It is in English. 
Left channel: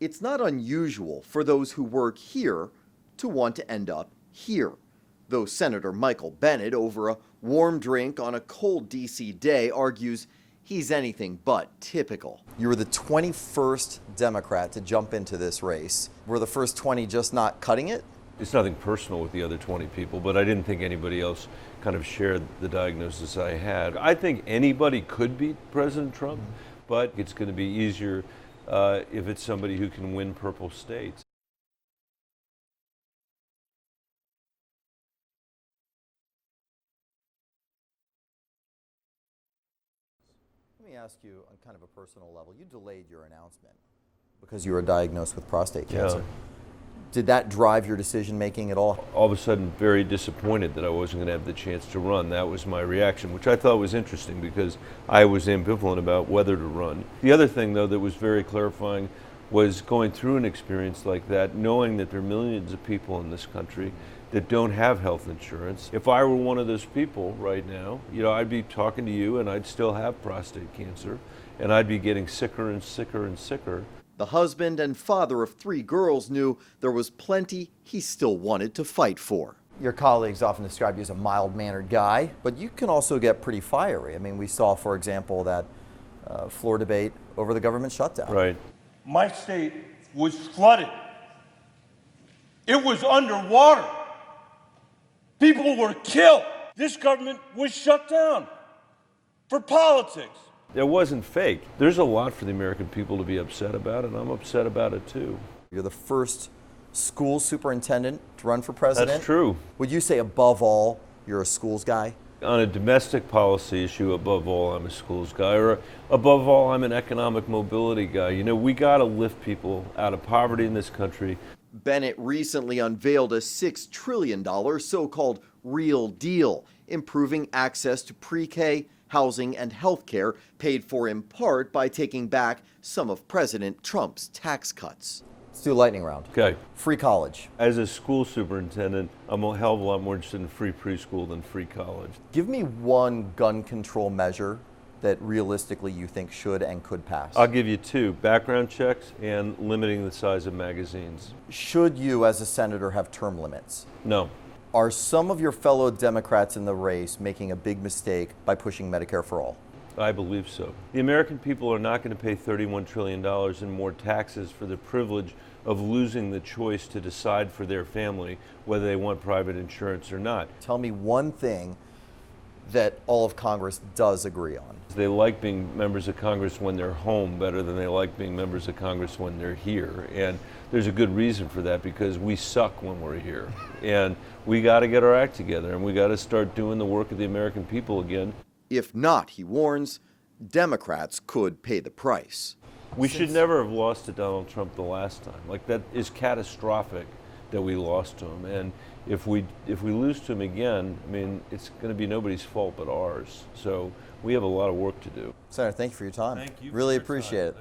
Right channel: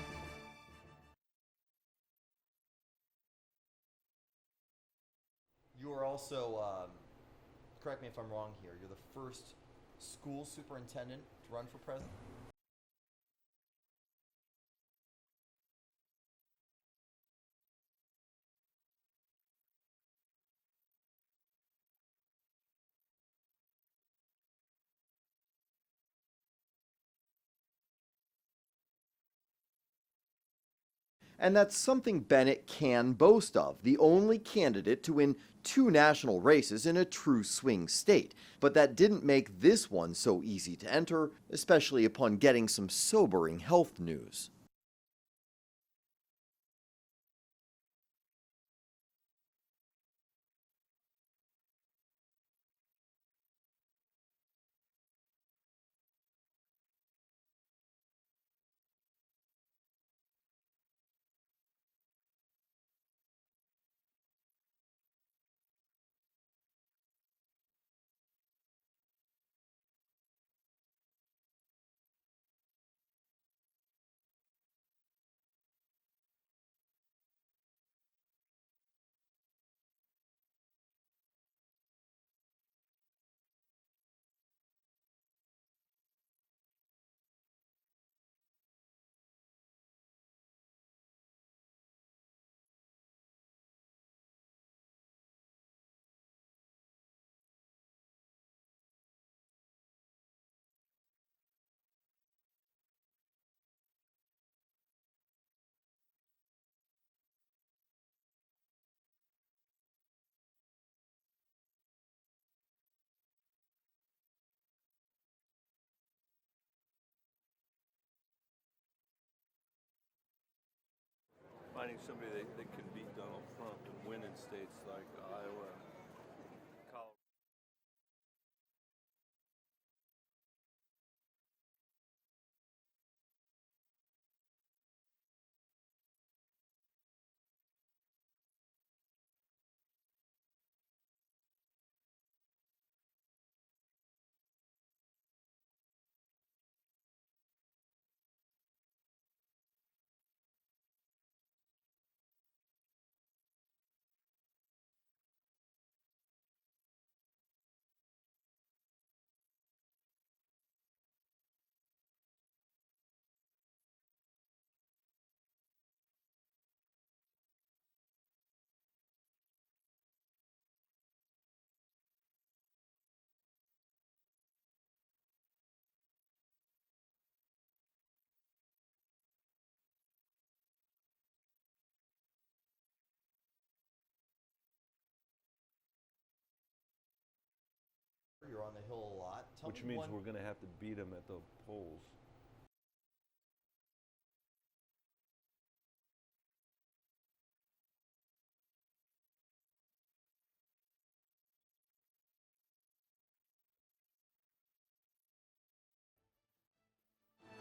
It's not unusual for those who work here to want to end up here. Though Senator Michael Bennet, over a warm drink on a cold D.C. day, argues he's anything but typical. You were the 21st Democrat to jump into this race. Were the first 20 just not cutting it? It's nothing personal with the other 20 people, but I didn't think anybody else kind of shared the diagnosis I had. I think anybody could beat President Trump, but it's going to be easier if it's somebody who can win purple states. And that's something Bennet can boast of, the only candidate to win 2 national races in a true swing state. But that didn't make this one so easy to enter, especially upon getting some sobering health news. Because you were diagnosed with prostate cancer. Yeah. Did that drive your decision-making at all? All of a sudden, very disappointed that I wasn't going to have the chance to run. That was my reaction, which I thought was interesting because I was ambivalent about whether to run. The other thing, though, that was very clarifying was going through an experience like that, knowing that there are millions of people in this country that don't have health insurance. If I were one of those people right now, I'd be talking to you and I'd still have prostate cancer and I'd be getting sicker and sicker and sicker. The husband and father of 3 girls knew there was plenty he still wanted to fight for. Your colleagues often describe you as a mild-mannered guy, but you can also get pretty fiery. I mean, we saw, for example, that floor debate over the government shutdown. Right. My state was flooded. It was underwater. People were killed. This government was shut down for politics. It wasn't fake. There's a lot for the American people to be upset about, and I'm upset about it too. You're the first school superintendent to run for president. That's true. Would you say, above all, you're a schools guy? On a domestic policy issue, above all, I'm a schools guy, or above all, I'm an economic mobility guy. We got to lift people out of poverty in this country. Bennet recently unveiled a $6 trillion so-called Real Deal, improving access to pre-K, housing, and health care, paid for in part by taking back some of President Trump's tax cuts. Let's do a lightning round. Okay. Free college. As a school superintendent, I'm a hell of a lot more interested in free preschool than free college. Give me one gun control measure that realistically you think should and could pass. I'll give you 2, background checks and limiting the size of magazines. Should you, as a senator, have term limits? No. Are some of your fellow Democrats in the race making a big mistake by pushing Medicare for all? I believe so. The American people are not going to pay $31 trillion in more taxes for the privilege of losing the choice to decide for their family whether they want private insurance or not. Tell me one thing that all of Congress does agree on. They like being members of Congress when they're home better than they like being members of Congress when they're here. And there's a good reason for that, because we suck when we're here. And we got to get our act together, and we got to start doing the work of the American people again. If not, he warns, Democrats could pay the price. We should never have lost to Donald Trump the last time. Like, that is catastrophic that we lost to him. And if we lose to him again, I mean, it's going to be nobody's fault but ours. So we have a lot of work to do. Senator, thank you for your time. Thank you. Really appreciate it.